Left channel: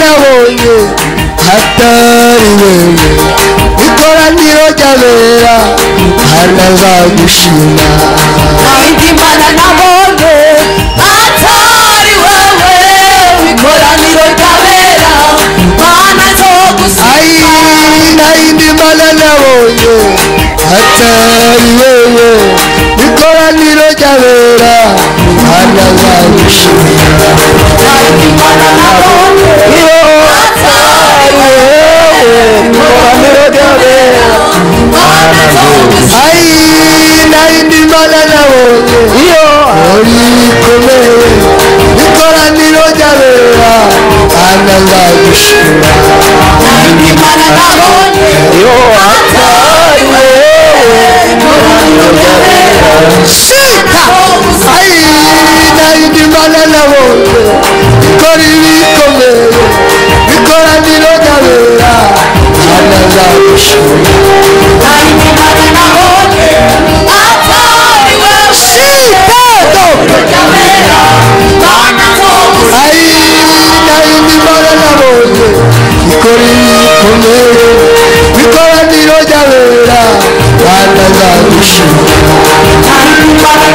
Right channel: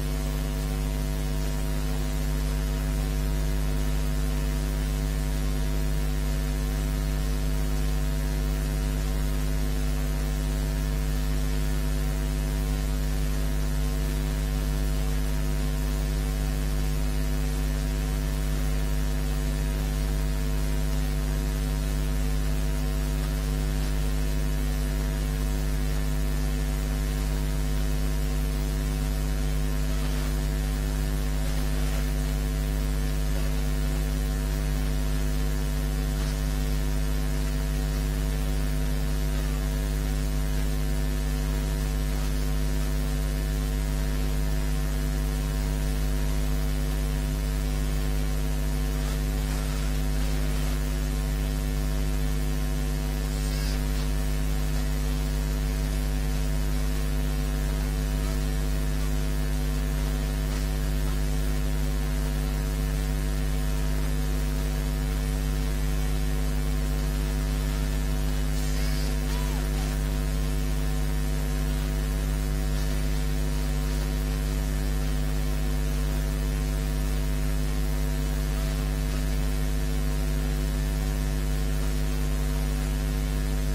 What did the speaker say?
nabonye hatari wewe ikoraniro ry'abera hanazagushima nayindi mana nabonye hatari wewe ikoraniro ry'abera hanazagushima nayindi mana nabonye hatari wewe ikoraniro ry'abera hanazagushima nayindi mana nabonye hatari wewe ikoraniro ry'abera hanazagushima nayindi mana nabonye rikomeye ikoraniro ry'abera hanazagushima nayindi mana nabonye hatari wewe ikoraniro ry'abera nayindi mana nabonye ikora ibikomeye ikoraniro ry'abera hanazagushima nayindi mana nabonye hatari wewe ikoraniro ry'abera hanazagushima nayindi mana nabonye ikora ibikomeye ikoraniro ry'abera hanazagushima nayindi mana